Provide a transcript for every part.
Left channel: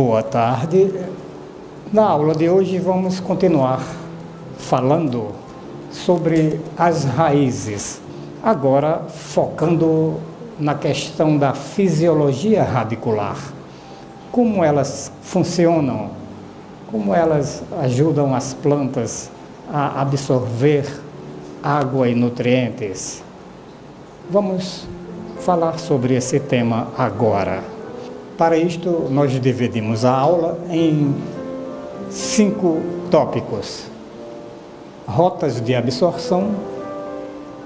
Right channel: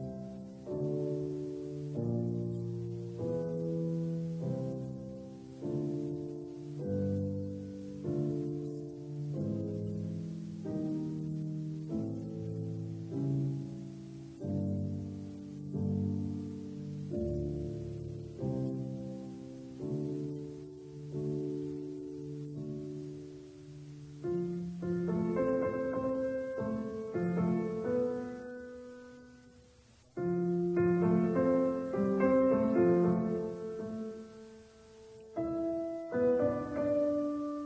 Boa tarde. Na aula de hoje vamos continuar falando sobre as raízes, agora focando na questão da fisiologia radicular. Como elas funcionam, como elas ajudam as plantas a absorver água e nutrientes. Vamos falar sobre esse tema agora. Para isto, nós dividimos a aula em 5 tópicos: rotas de absorção,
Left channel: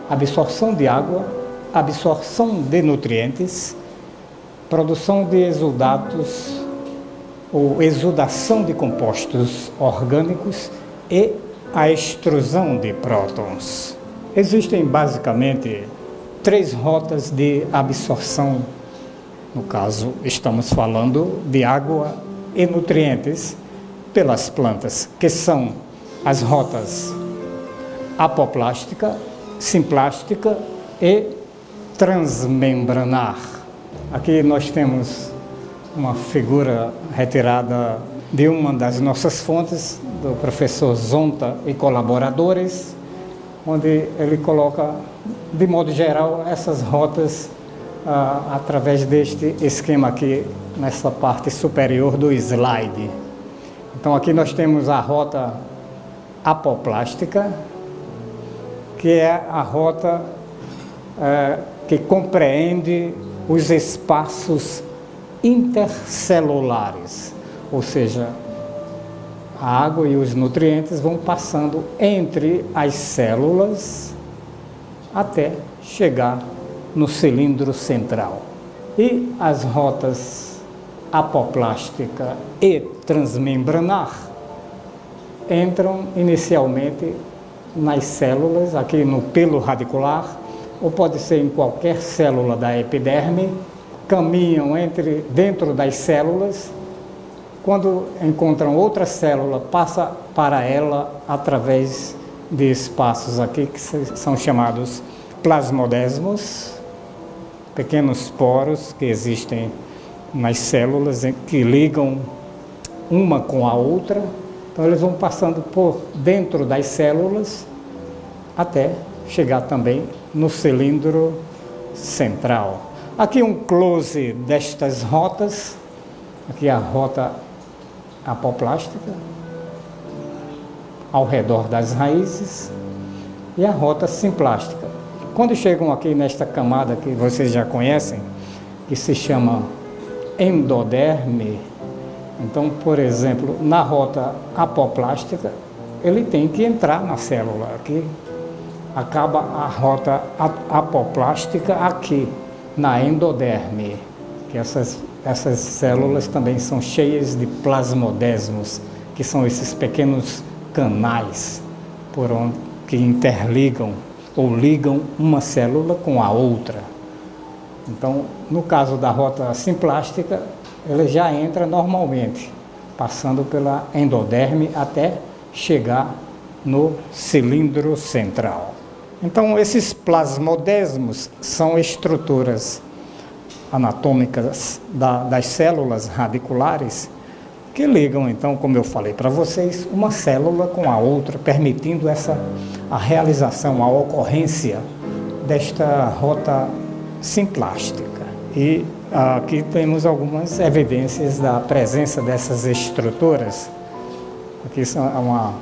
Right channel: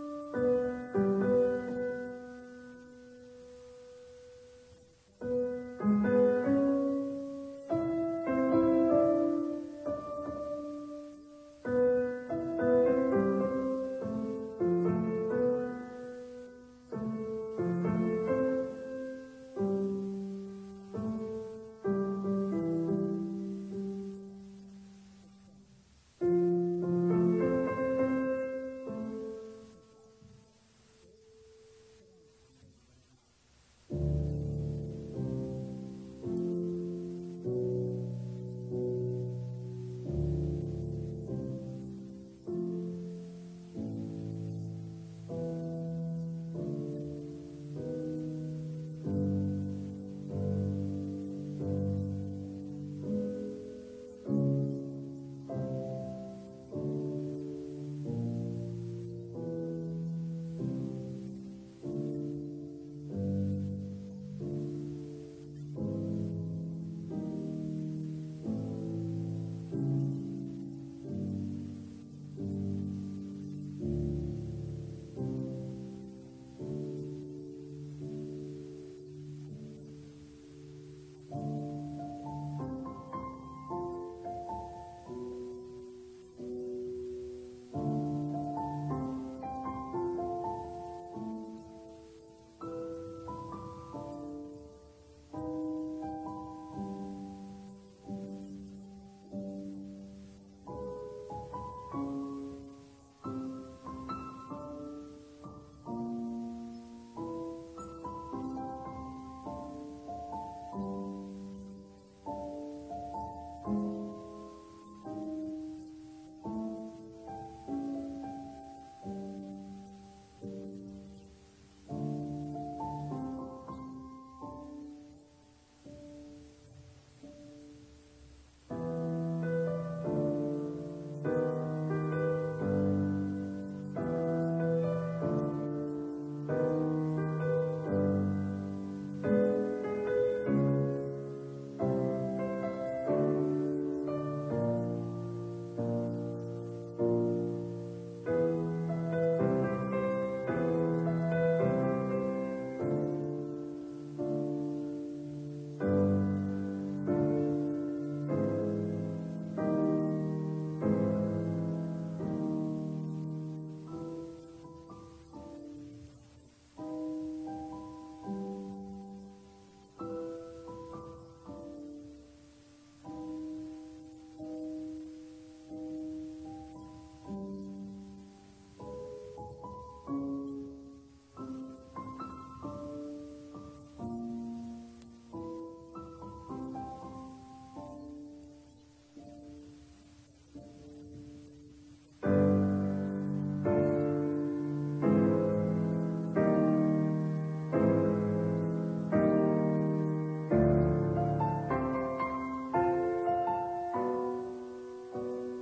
absorção de água, absorção de nutrientes, produção de exudatos ou exudação de compostos orgânicos e a extrusão de prótons. Existem basicamente 3 rotas de absorção. No caso, estamos falando de água e nutrientes pelas plantas, que são as rotas apoplástica, simplástica e transmembranar. Aqui nós temos uma figura retirada de uma das nossas fontes, do professor Zonta e colaboradores, onde ele coloca, de modo geral, essas rotas através deste esquema aqui, nessa parte superior do slide. Então aqui nós temos a rota apoplástica, que é a rota que compreende os espaços intercelulares, ou seja, a água e os nutrientes vão passando entre as células até chegar no cilindro central. E as rotas apoplástica e transmembranar entram inicialmente nas células, aqui no pelo radicular, ou pode ser em qualquer célula da epiderme, caminham dentro das células. Quando encontram outra célula, passa para ela através de espaços aqui que são chamados plasmodesmos, pequenos poros que existem nas células que ligam uma com a outra. Então eles vão passando por dentro das células até chegar também no cilindro central. Aqui um close destas rotas. Aqui a rota apoplástica, ao redor das raízes, e a rota simplástica. Quando chegam aqui nesta camada que vocês já conhecem, que se chama endoderme, então, por exemplo, na rota apoplástica, ele tem que entrar na célula. Aqui acaba a rota apoplástica aqui, na endoderme, que essas células também são cheias de plasmodesmos, que são esses pequenos canais por onde que interligam ou ligam uma célula com a outra. Então, no caso da rota simplástica, ela já entra normalmente, passando pela endoderme até chegar no cilindro central. Então, esses plasmodesmos são estruturas anatômicas das células radiculares que ligam, então, como eu falei para vocês, uma célula com a outra, permitindo a realização, a ocorrência desta rota simplástica. E aqui temos algumas evidências da presença dessas estruturas. Aqui é uma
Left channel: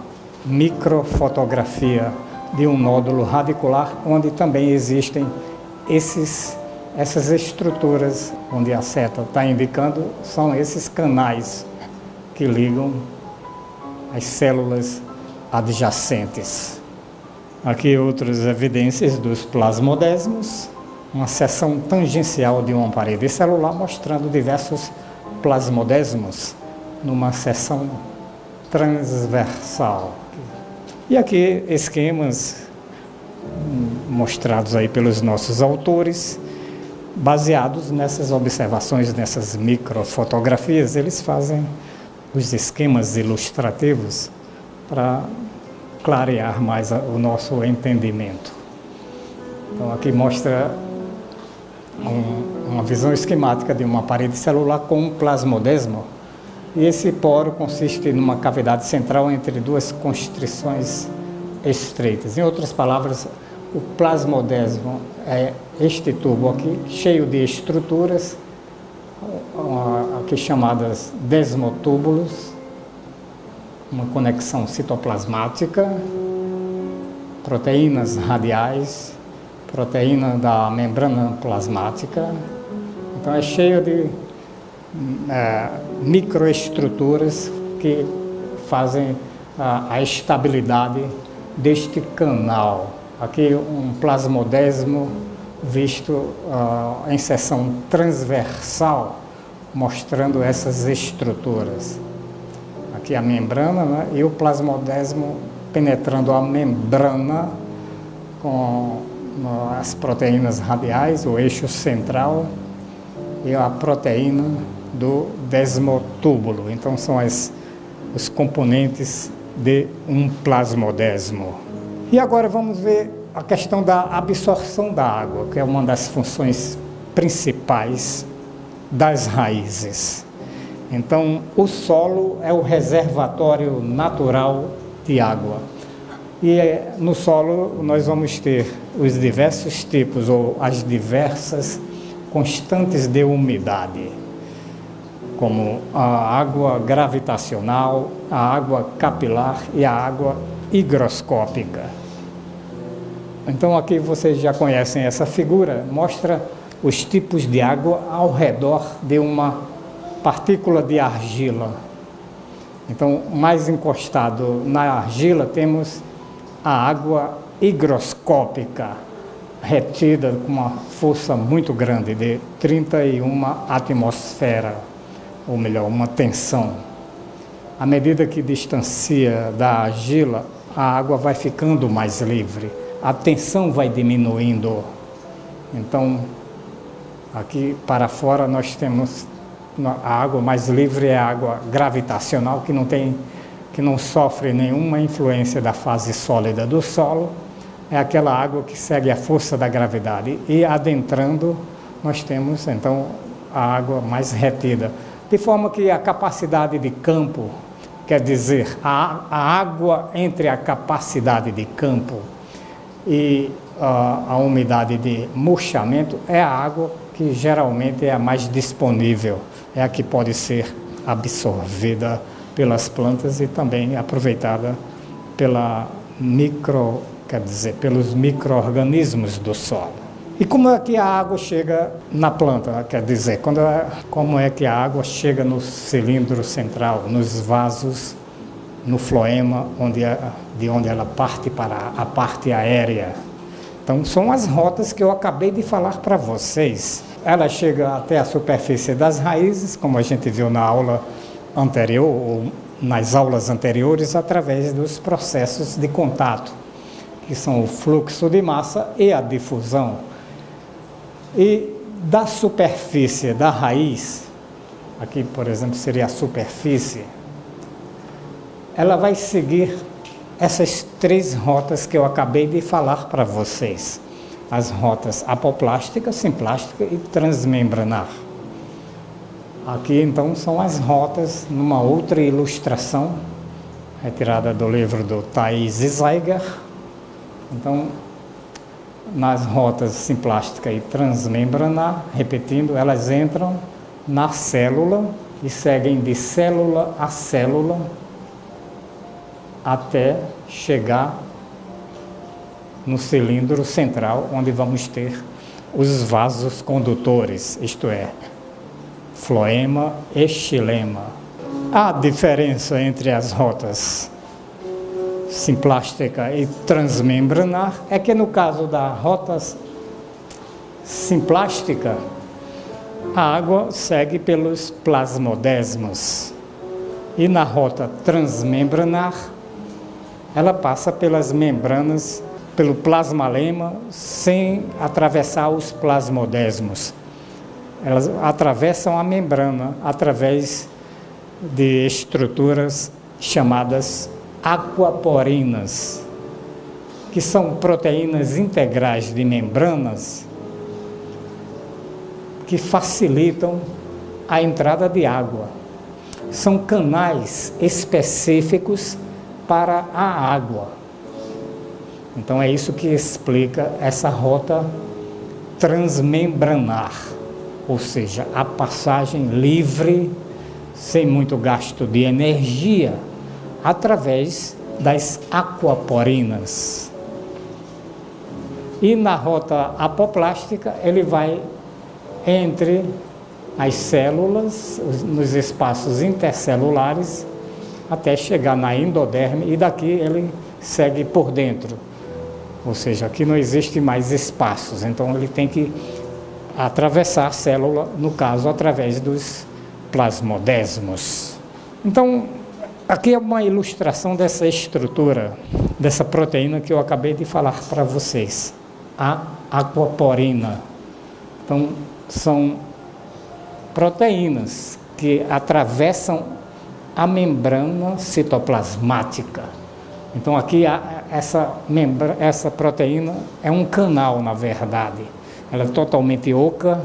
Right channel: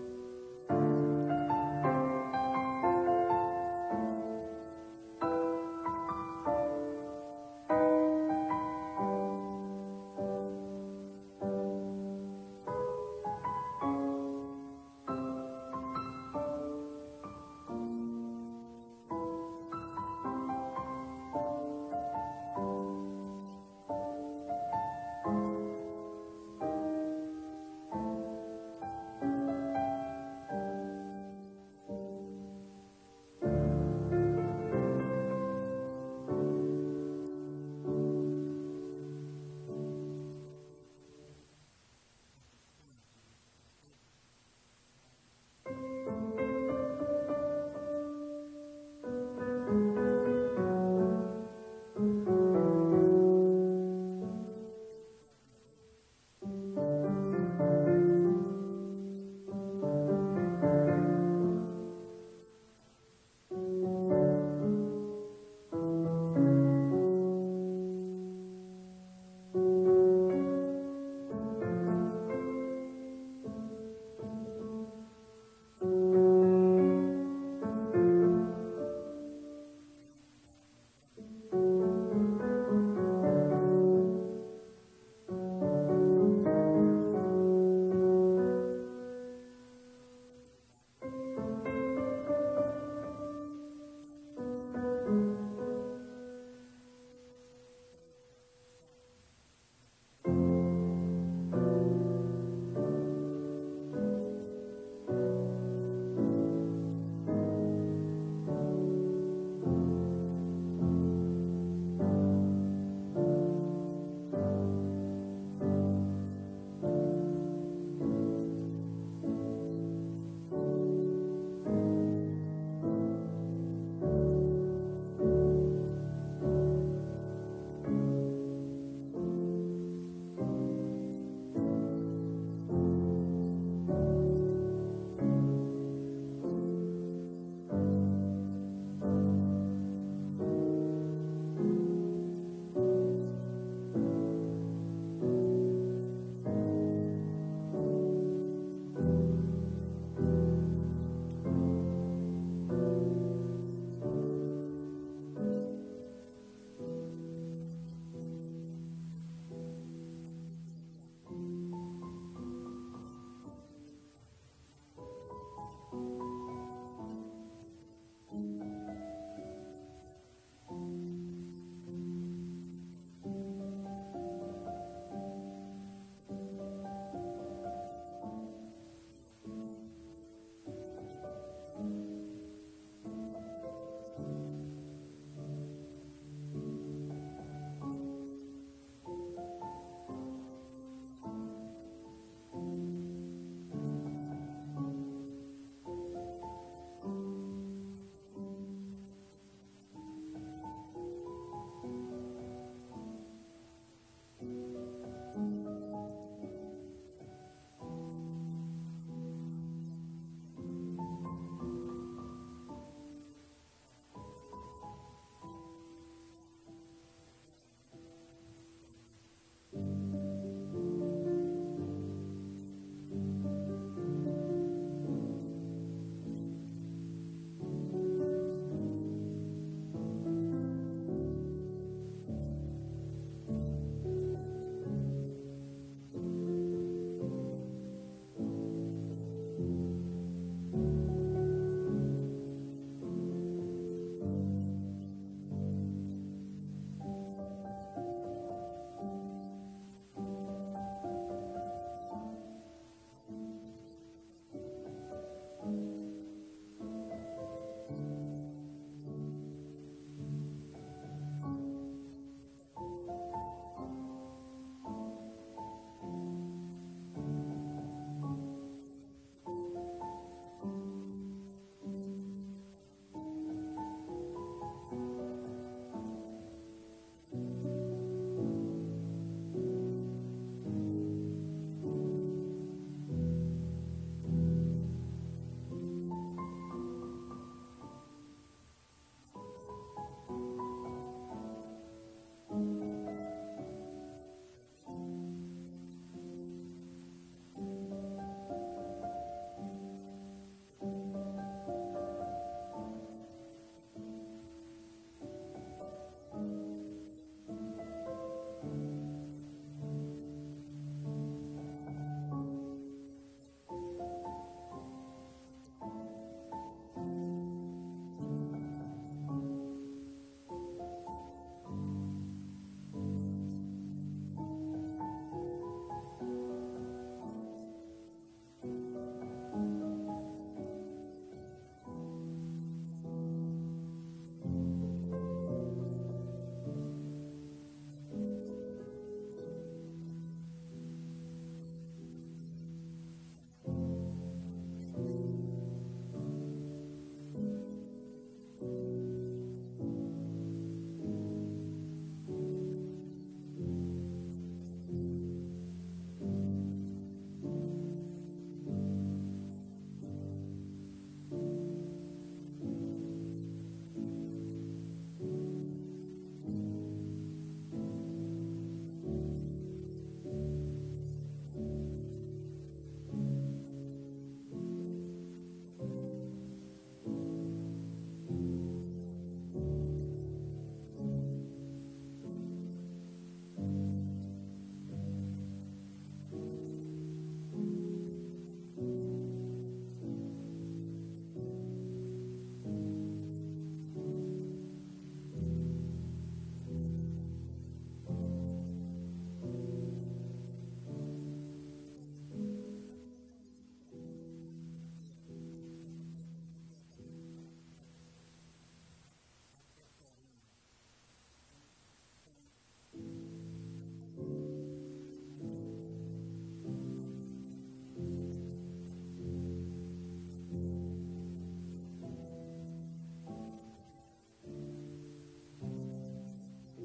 microfotografia de um nódulo radicular, onde também existem essas estruturas, onde a seta está indicando, são esses canais que ligam as células adjacentes. Aqui outras evidências dos plasmodesmos, uma seção tangencial de uma parede celular mostrando diversos plasmodesmos numa seção transversal. E aqui esquemas mostrados aí pelos nossos autores, baseados nessas observações, nessas microfotografias. Eles fazem os esquemas ilustrativos para clarear mais o nosso entendimento. Então aqui mostra uma visão esquemática de uma parede celular com um plasmodesmo E esse poro consiste numa cavidade central entre duas constrições estreitas. Em outras palavras, o plasmodesmo é este tubo aqui, cheio de estruturas, aqui chamadas desmotúbulos, uma conexão citoplasmática, proteínas radiais, proteína da membrana plasmática. Então é cheio de microestruturas que fazem a estabilidade deste canal. Aqui um plasmodesmo visto em seção transversal, mostrando essas estruturas. Aqui a membrana, né? E o plasmodesmo penetrando a membrana com as proteínas radiais, o eixo central e a proteína do desmotúbulo. Então são os componentes de um plasmodesmo. E agora vamos ver a questão da absorção da água, que é uma das funções principais das raízes. Então, o solo é o reservatório natural de água. E no solo nós vamos ter os diversos tipos ou as diversas constantes de umidade, como a água gravitacional, a água capilar e a água higroscópica. Então aqui vocês já conhecem essa figura, mostra os tipos de água ao redor de uma partícula de argila. Então, mais encostado na argila temos a água higroscópica, retida com uma força muito grande, de 31 atmosfera, ou melhor, uma tensão. À medida que distancia da argila, a água vai ficando mais livre, a tensão vai diminuindo. Então, aqui para fora nós temos a água mais livre, é a água gravitacional, que não sofre nenhuma influência da fase sólida do solo. É aquela água que segue a força da gravidade. E adentrando, nós temos então a água mais retida. De forma que a capacidade de campo, quer dizer, a água entre a capacidade de campo e a umidade de murchamento é a água que geralmente é a mais disponível, é a que pode ser absorvida pelas plantas e também aproveitada pelos micro-organismos do solo. E como é que a água chega na planta? Quer dizer, como é que a água chega no cilindro central, nos vasos, no floema, de onde ela parte para a parte aérea? Então, são as rotas que eu acabei de falar para vocês. Ela chega até a superfície das raízes, como a gente viu na aula anterior, ou nas aulas anteriores, através dos processos de contato, que são o fluxo de massa e a difusão. E da superfície da raiz, aqui, por exemplo, seria a superfície, ela vai seguir essas três rotas que eu acabei de falar para vocês. As rotas apoplástica, simplástica e transmembranar. Aqui, então, são as rotas numa outra ilustração, retirada do livro do Thais Zeiger. Então, nas rotas simplástica e transmembranar, repetindo, elas entram na célula e seguem de célula a célula até chegar no cilindro central, onde vamos ter os vasos condutores, isto é, floema e xilema. A diferença entre as rotas simplástica e transmembranar é que no caso da rota simplástica, a água segue pelos plasmodesmos e na rota transmembranar ela passa pelas membranas, pelo plasmalema, sem atravessar os plasmodesmos. Elas atravessam a membrana através de estruturas chamadas aquaporinas, que são proteínas integrais de membranas que facilitam a entrada de água. são canais específicos para a água. Então é isso que explica essa rota transmembranar, ou seja, a passagem livre, sem muito gasto de energia, através das aquaporinas. E na rota apoplástica, ele vai entre as células, nos espaços intercelulares, até chegar na endoderme, e daqui ele segue por dentro. Ou seja, aqui não existe mais espaços, então ele tem que atravessar a célula, no caso, através dos plasmodesmos. Então, aqui é uma ilustração dessa estrutura, dessa proteína que eu acabei de falar para vocês, a aquaporina. Então, são proteínas que atravessam a membrana citoplasmática. Então, aqui essa proteína é um canal, na verdade. Ela é totalmente oca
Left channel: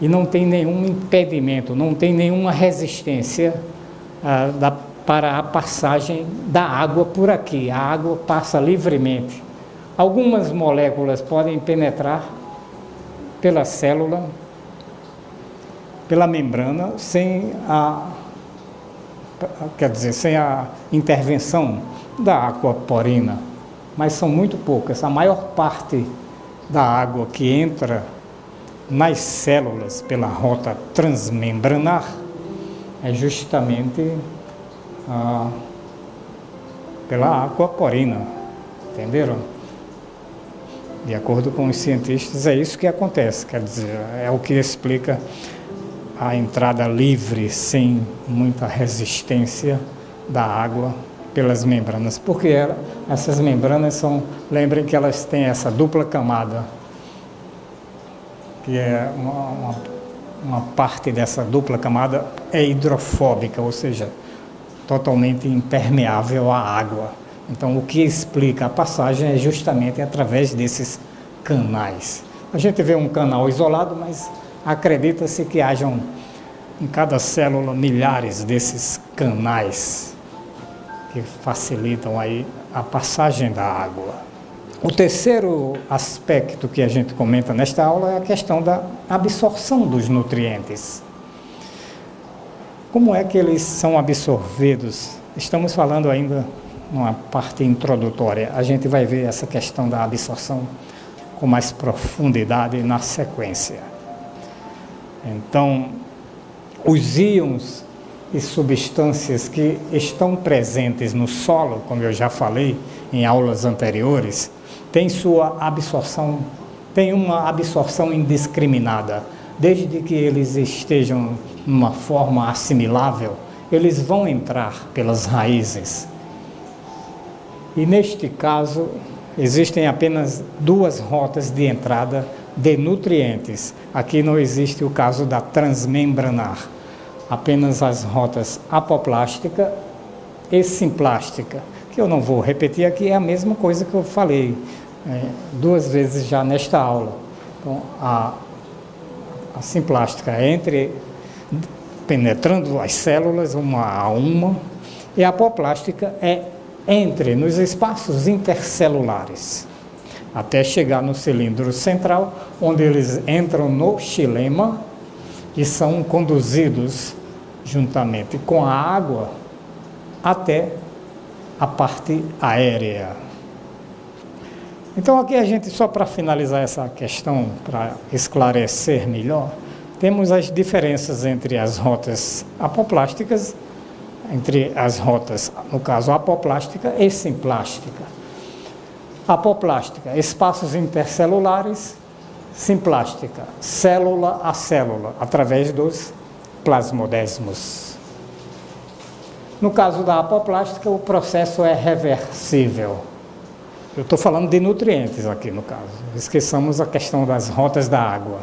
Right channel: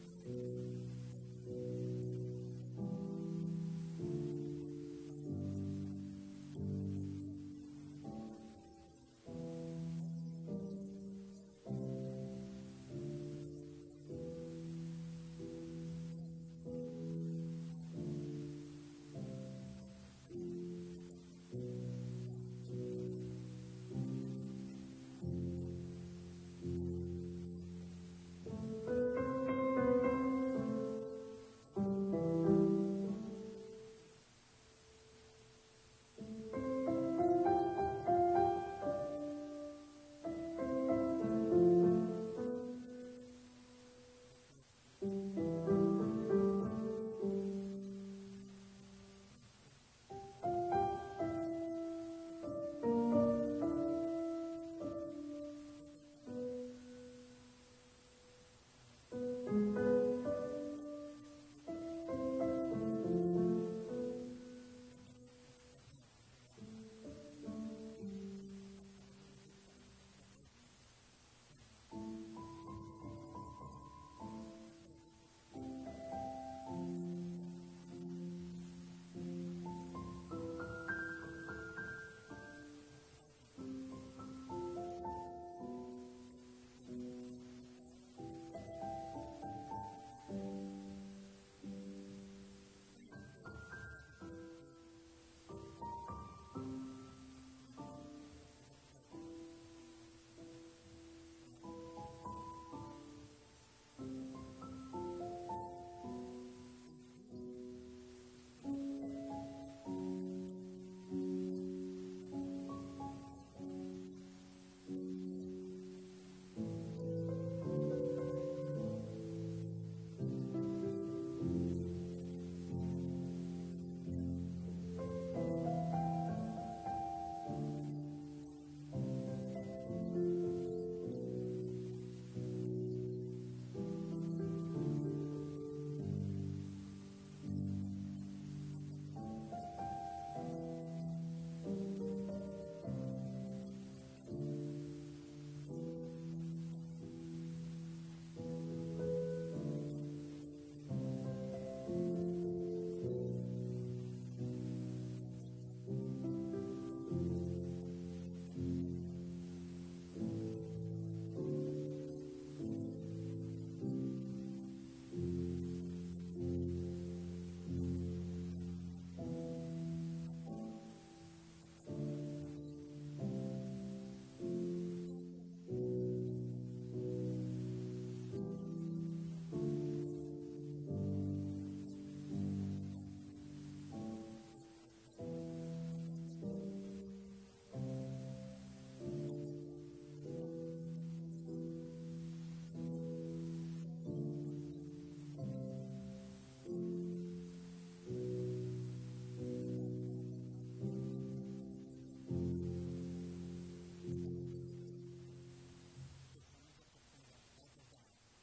e não tem nenhum impedimento, não tem nenhuma resistência para a passagem da água por aqui. A água passa livremente. Algumas moléculas podem penetrar pela célula, pela membrana, sem a intervenção da aquaporina, mas são muito poucas. A maior parte da água que entra nas células pela rota transmembranar é justamente pela aquaporina, entenderam? De acordo com os cientistas, é isso que acontece, quer dizer, é o que explica a entrada livre, sem muita resistência da água pelas membranas, porque essas membranas lembrem que elas têm essa dupla camada, que é uma parte dessa dupla camada é hidrofóbica, ou seja, totalmente impermeável à água. Então, o que explica a passagem é justamente através desses canais. A gente vê um canal isolado, mas acredita-se que hajam em cada célula milhares desses canais que facilitam aí a passagem da água. O terceiro aspecto que a gente comenta nesta aula é a questão da absorção dos nutrientes. Como é que eles são absorvidos? Estamos falando ainda numa parte introdutória. A gente vai ver essa questão da absorção com mais profundidade na sequência. Então, os íons e substâncias que estão presentes no solo, como eu já falei em aulas anteriores, têm uma absorção indiscriminada. Desde que eles estejam numa forma assimilável, eles vão entrar pelas raízes. E neste caso, existem apenas duas rotas de entrada de nutrientes. Aqui não existe o caso da transmembranar, apenas as rotas apoplástica e simplástica, que eu não vou repetir aqui, é a mesma coisa que eu falei duas vezes já nesta aula. Então, a simplástica penetrando as células uma a uma, e a apoplástica entre nos espaços intercelulares, até chegar no cilindro central, onde eles entram no xilema e são conduzidos juntamente com a água até a parte aérea. Então aqui a gente, só para finalizar essa questão, para esclarecer melhor, temos as diferenças entre as rotas apoplásticas, entre as rotas, no caso apoplástica e simplástica. Apoplástica, espaços intercelulares; simplástica, célula a célula, através dos plasmodesmos. No caso da apoplástica, o processo é reversível. Eu estou falando de nutrientes aqui, no caso. Esqueçamos a questão das rotas da água.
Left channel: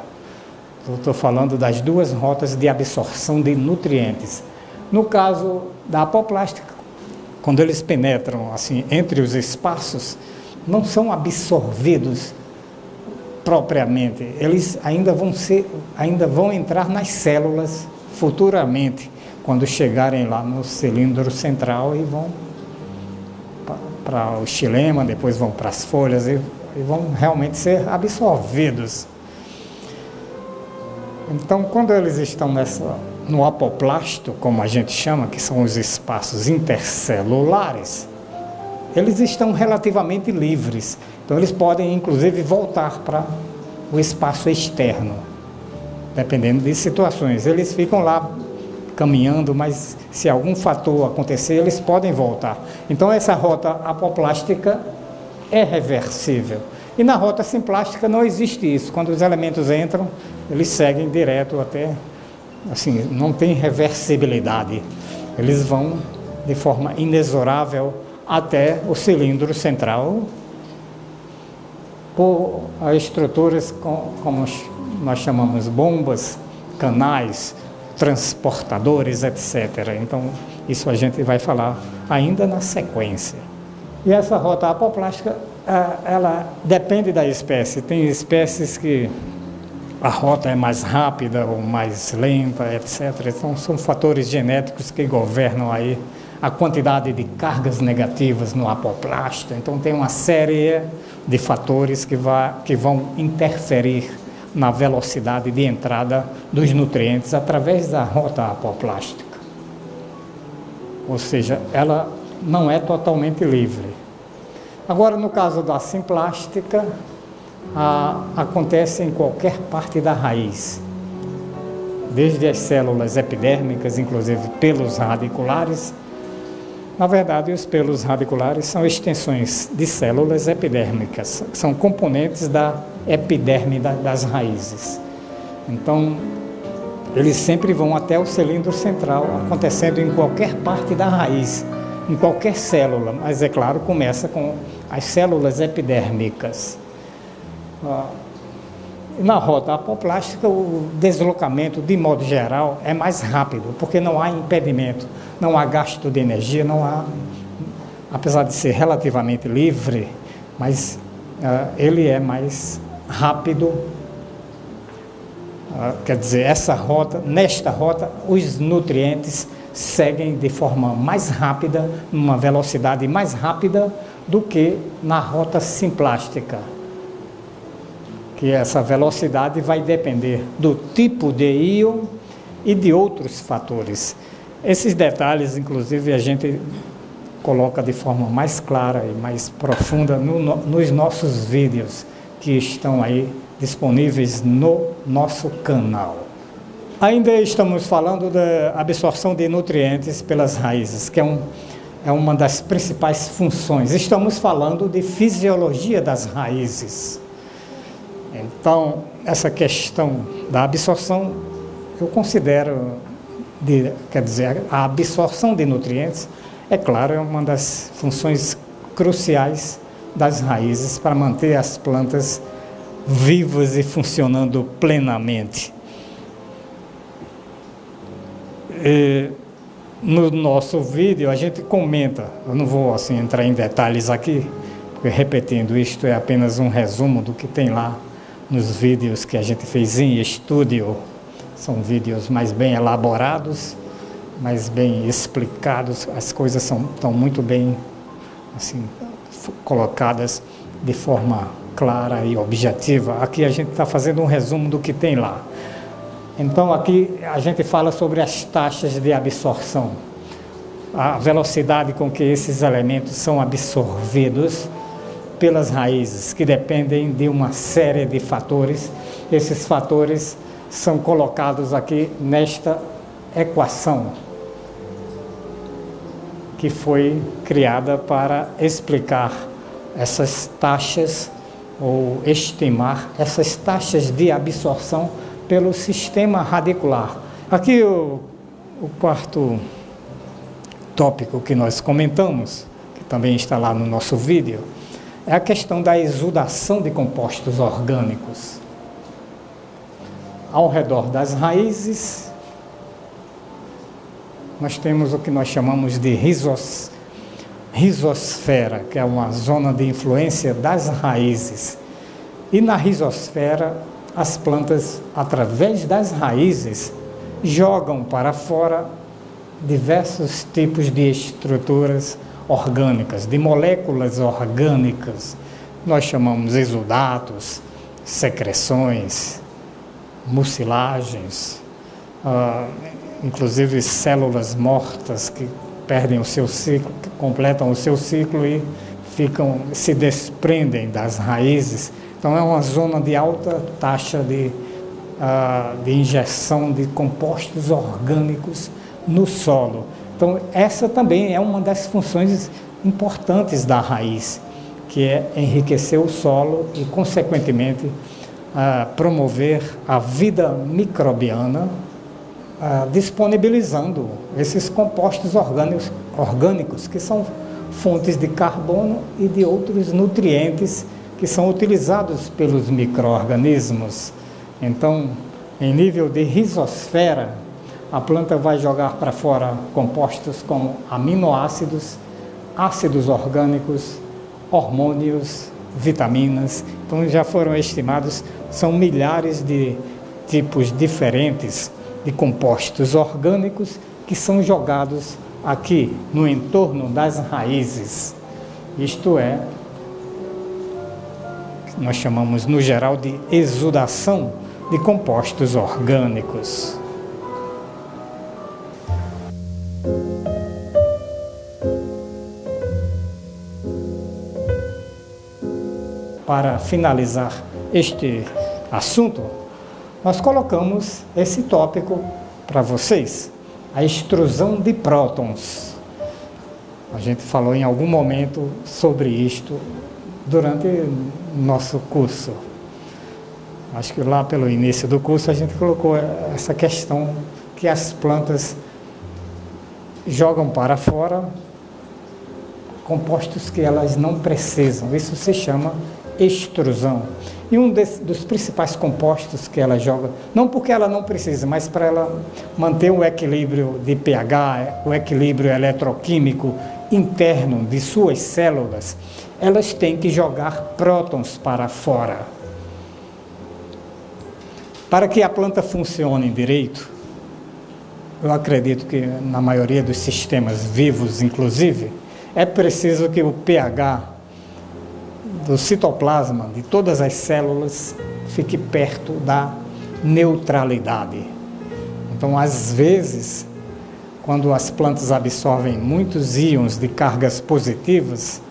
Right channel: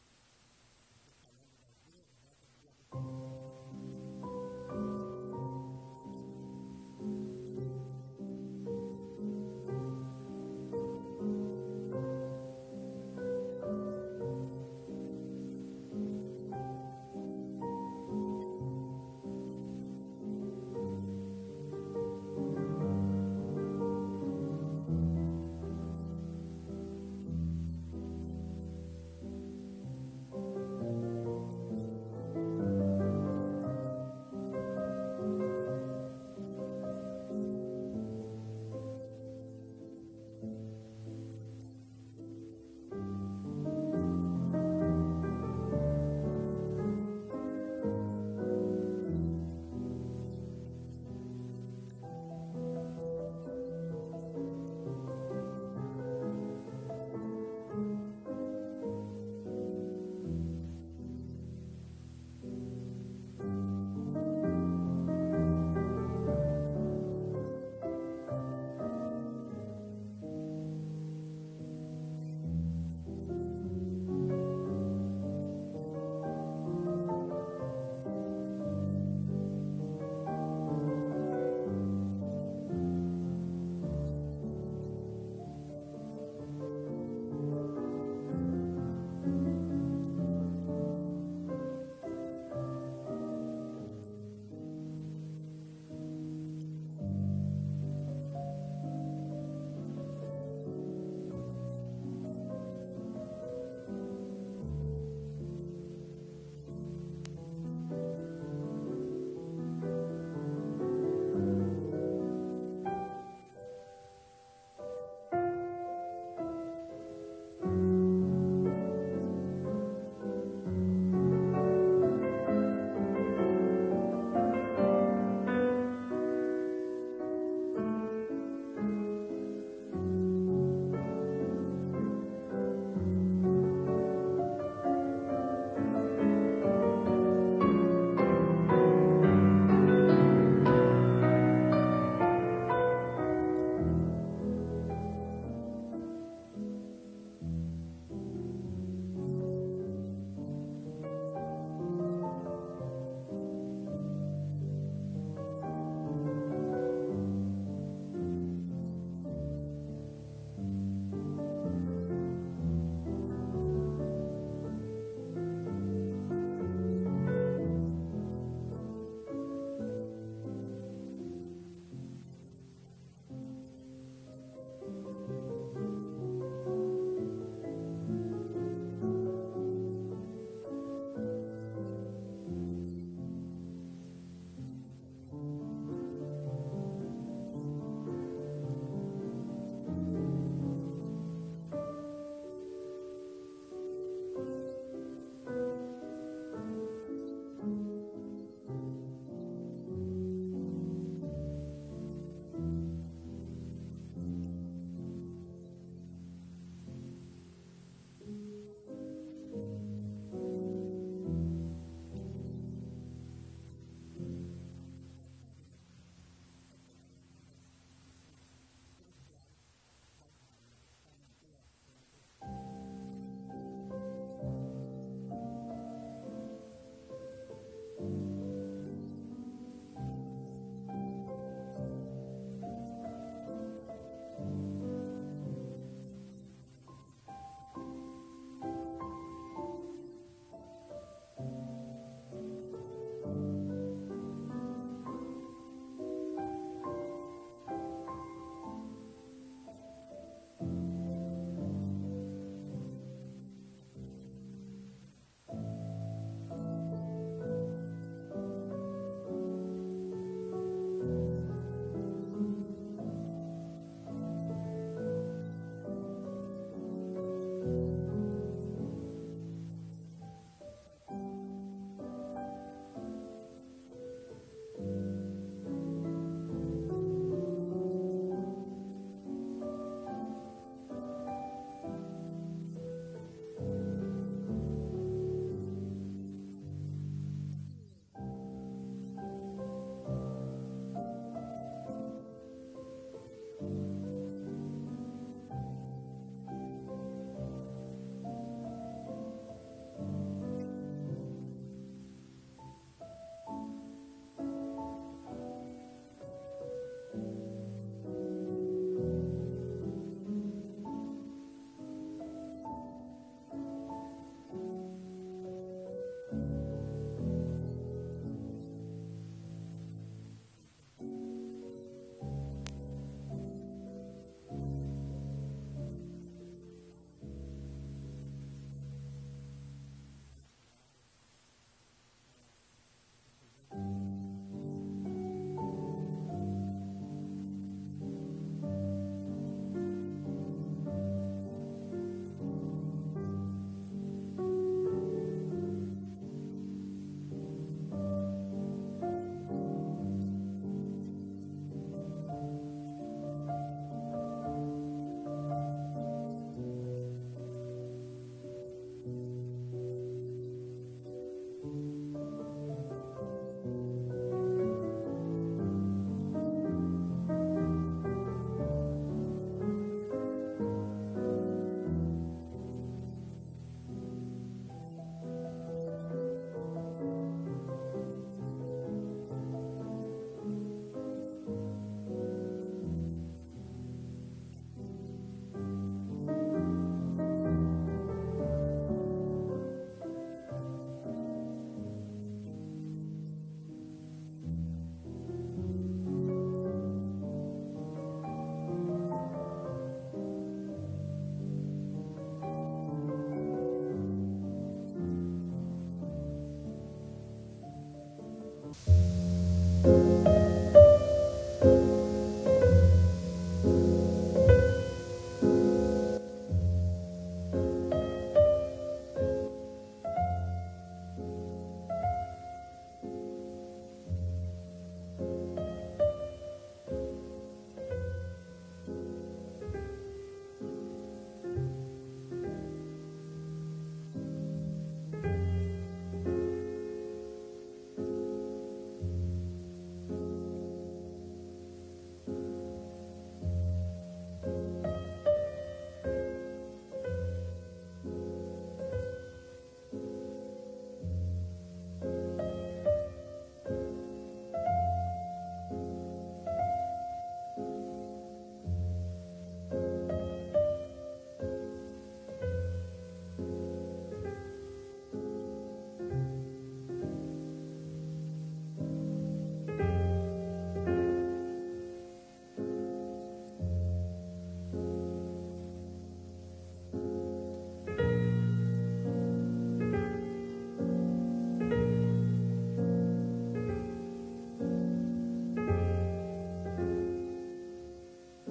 Eu estou falando das duas rotas de absorção de nutrientes. No caso da apoplástica, quando eles penetram assim entre os espaços, não são absorvidos propriamente, eles ainda vão entrar nas células futuramente, quando chegarem lá no cilindro central e vão para o xilema, depois vão para as folhas e vão realmente ser absorvidos. Então, quando eles estão no apoplasto, como a gente chama, que são os espaços intercelulares, eles estão relativamente livres. Então, eles podem, inclusive, voltar para o espaço externo, dependendo de situações. Eles ficam lá caminhando, mas se algum fator acontecer, eles podem voltar. Então, essa rota apoplástica é reversível. E na rota simplástica não existe isso. Quando os elementos entram, eles seguem direto até, assim, não tem reversibilidade. Eles vão de forma inexorável até o cilindro central, por estruturas como nós chamamos bombas, canais, transportadores, etc. Então, isso a gente vai falar ainda na sequência. E essa rota apoplástica, ela depende da espécie. Tem espécies que a rota é mais rápida ou mais lenta, etc. Então, são fatores genéticos que governam aí a quantidade de cargas negativas no apoplasto. Então, tem uma série de fatores que vão interferir na velocidade de entrada dos nutrientes através da rota apoplástica. Ou seja, ela não é totalmente livre. Agora, no caso da simplástica, acontece em qualquer parte da raiz, desde as células epidérmicas, inclusive pelos radiculares. Na verdade, os pelos radiculares são extensões de células epidérmicas, são componentes da epiderme das raízes. Então, eles sempre vão até o cilindro central, acontecendo em qualquer parte da raiz, em qualquer célula, mas é claro, começa com as células epidérmicas. Na rota apoplástica, o deslocamento, de modo geral, é mais rápido, porque não há impedimento, não há gasto de energia, não há, apesar de ser relativamente livre, mas ele é mais rápido. Quer dizer, nesta rota, os nutrientes seguem de forma mais rápida, numa velocidade mais rápida do que na rota simplástica. Que essa velocidade vai depender do tipo de íon e de outros fatores. Esses detalhes, inclusive, a gente coloca de forma mais clara e mais profunda nos nossos vídeos que estão aí disponíveis no nosso canal. Ainda estamos falando da absorção de nutrientes pelas raízes, que é uma das principais funções. Estamos falando de fisiologia das raízes. Então, essa questão da absorção, eu considero, quer dizer, a absorção de nutrientes, é claro, é uma das funções cruciais das raízes para manter as plantas vivas e funcionando plenamente. No nosso vídeo a gente comenta, eu não vou assim entrar em detalhes aqui, porque repetindo, isto é apenas um resumo do que tem lá nos vídeos que a gente fez em estúdio. São vídeos mais bem elaborados, mais bem explicados, as coisas estão muito bem assim, colocadas de forma clara e objetiva. Aqui a gente está fazendo um resumo do que tem lá. Então aqui a gente fala sobre as taxas de absorção, a velocidade com que esses elementos são absorvidos pelas raízes, que dependem de uma série de fatores. Esses fatores são colocados aqui nesta equação, que foi criada para explicar essas taxas ou estimar essas taxas de absorção pelo sistema radicular. Aqui o quarto tópico que nós comentamos, que também está lá no nosso vídeo, é a questão da exudação de compostos orgânicos. Ao redor das raízes, nós temos o que nós chamamos de rizosfera, que é uma zona de influência das raízes. E na rizosfera, as plantas, através das raízes, jogam para fora diversos tipos de estruturas orgânicas, de moléculas orgânicas. Nós chamamos exudatos, secreções, mucilagens, inclusive células mortas que perdem o seu ciclo, que completam o seu ciclo e se desprendem das raízes. Então é uma zona de alta taxa de injeção de compostos orgânicos no solo. Então essa também é uma das funções importantes da raiz, que é enriquecer o solo e, consequentemente, promover a vida microbiana, disponibilizando esses compostos orgânicos que são fontes de carbono e de outros nutrientes que são utilizados pelos micro-organismos. Então, em nível de rizosfera, a planta vai jogar para fora compostos como aminoácidos, ácidos orgânicos, hormônios, vitaminas. Então já foram estimados, são milhares de tipos diferentes de compostos orgânicos que são jogados aqui no entorno das raízes. Isto é, nós chamamos no geral de exudação de compostos orgânicos. Para finalizar este assunto, nós colocamos esse tópico para vocês, a extrusão de prótons. A gente falou em algum momento sobre isto durante o nosso curso. Acho que lá pelo início do curso a gente colocou essa questão que as plantas jogam para fora compostos que elas não precisam. Isso se chama extrusão. E um dos principais compostos que ela joga, não porque ela não precisa, mas para ela manter o equilíbrio de pH, o equilíbrio eletroquímico interno de suas células, elas têm que jogar prótons para fora. Para que a planta funcione direito, eu acredito que na maioria dos sistemas vivos, inclusive, é preciso que o pH do citoplasma, de todas as células, fique perto da neutralidade. Então, às vezes, quando as plantas absorvem muitos íons de cargas positivas,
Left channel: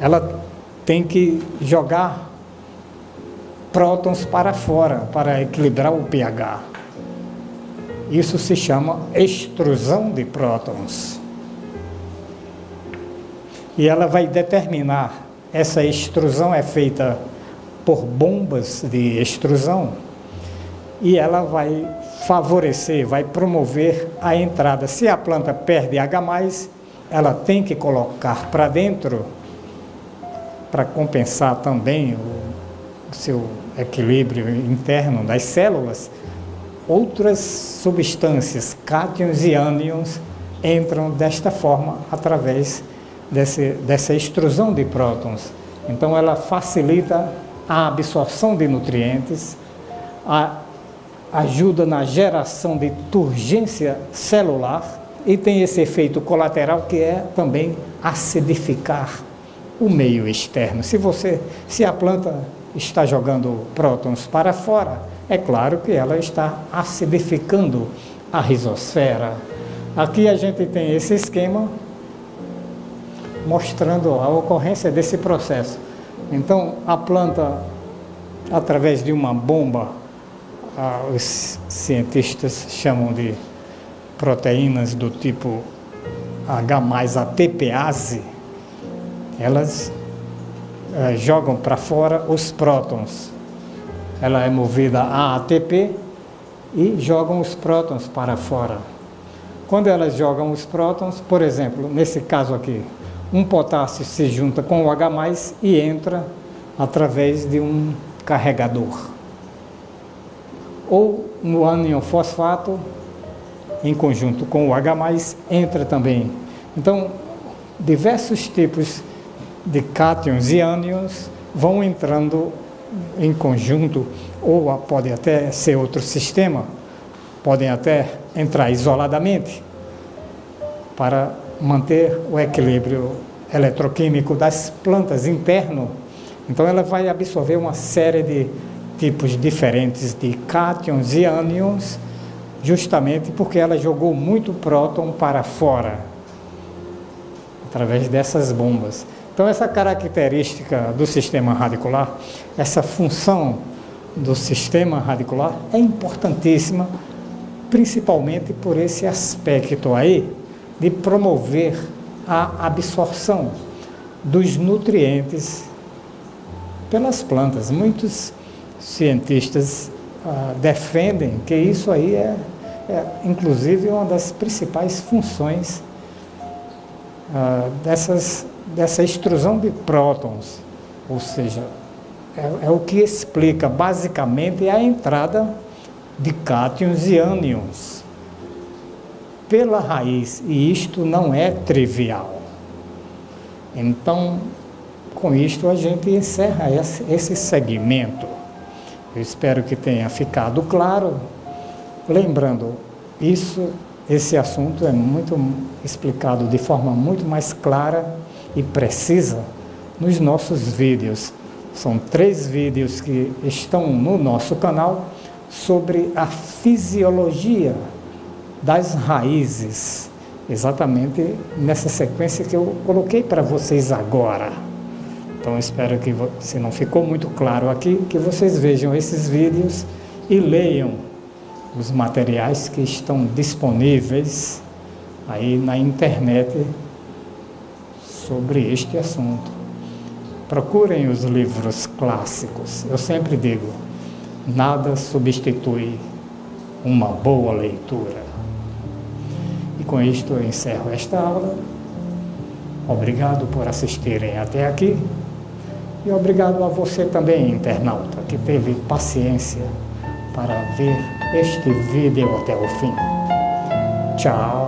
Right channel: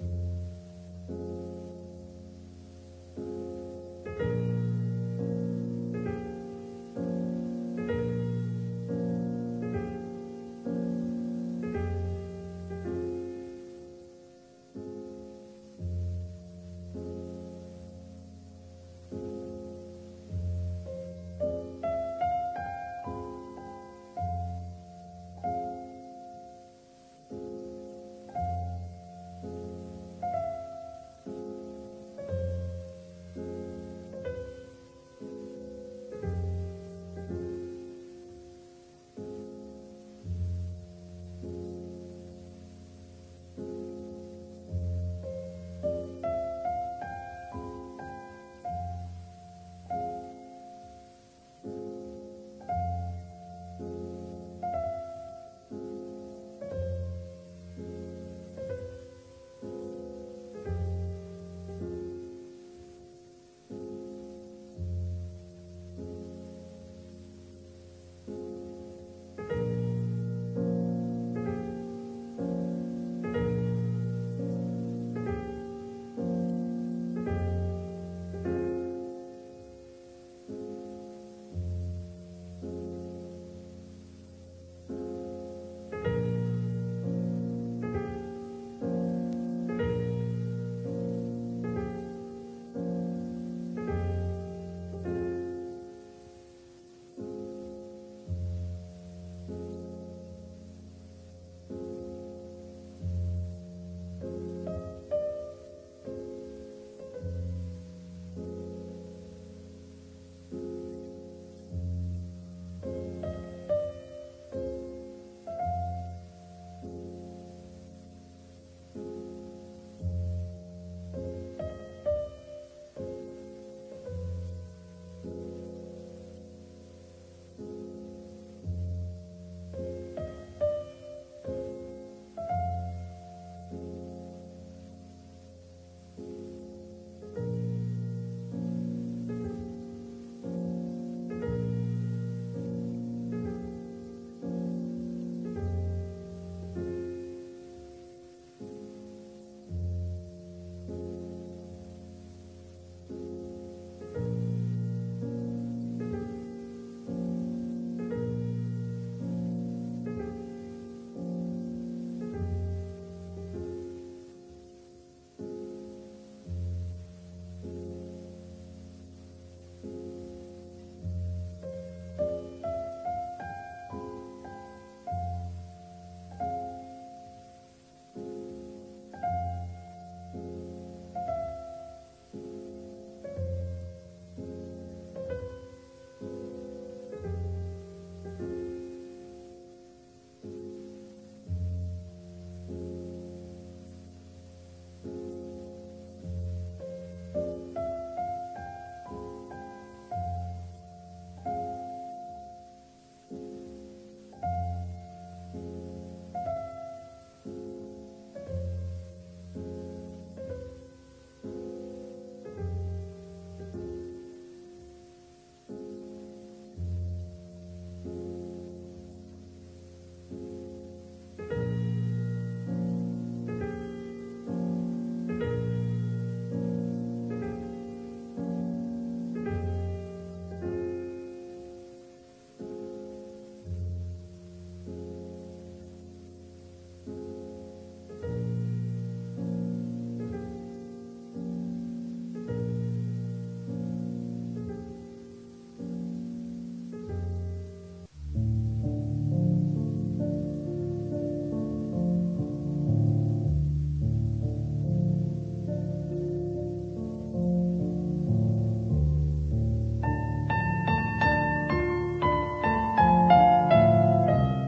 ela tem que jogar prótons para fora, para equilibrar o pH. Isso se chama extrusão de prótons. E ela vai determinar, essa extrusão é feita por bombas de extrusão, e ela vai favorecer, vai promover a entrada. Se a planta perde H+, ela tem que colocar para dentro, para compensar também o seu equilíbrio interno das células, outras substâncias, cátions e ânions, entram desta forma através dessa extrusão de prótons. Então ela facilita a absorção de nutrientes, ajuda na geração de turgência celular e tem esse efeito colateral que é também acidificar o meio externo. Se a planta está jogando prótons para fora, é claro que ela está acidificando a rizosfera. Aqui a gente tem esse esquema mostrando a ocorrência desse processo. Então, a planta, através de uma bomba, os cientistas chamam de proteínas do tipo H+ATPase, elas jogam para fora os prótons. Ela é movida a ATP e jogam os prótons para fora. Quando elas jogam os prótons, por exemplo, nesse caso aqui, um potássio se junta com o H+, e entra através de um carregador. Ou no ânion fosfato, em conjunto com o H+, entra também. Então, diversos tipos de cátions e ânions vão entrando em conjunto, ou pode até ser outro sistema, podem até entrar isoladamente, para manter o equilíbrio eletroquímico das plantas interno. Então ela vai absorver uma série de tipos diferentes de cátions e ânions, justamente porque ela jogou muito próton para fora, através dessas bombas. Então essa característica do sistema radicular, essa função do sistema radicular é importantíssima, principalmente por esse aspecto aí de promover a absorção dos nutrientes pelas plantas. Muitos cientistas defendem que isso aí é inclusive uma das principais funções dessa extrusão de prótons, ou seja, é o que explica basicamente a entrada de cátions e ânions pela raiz, e isto não é trivial. Então, com isto a gente encerra esse segmento. Eu espero que tenha ficado claro. Lembrando, esse assunto é muito explicado de forma muito mais clara e precisa nos nossos vídeos. São 3 vídeos que estão no nosso canal sobre a fisiologia das raízes, exatamente nessa sequência que eu coloquei para vocês agora. Então espero que, se não ficou muito claro aqui, que vocês vejam esses vídeos e leiam os materiais que estão disponíveis aí na internet sobre este assunto. Procurem os livros clássicos. Eu sempre digo, nada substitui uma boa leitura. E com isto eu encerro esta aula. Obrigado por assistirem até aqui. E obrigado a você também, internauta, que teve paciência para ver este vídeo até o fim. Tchau!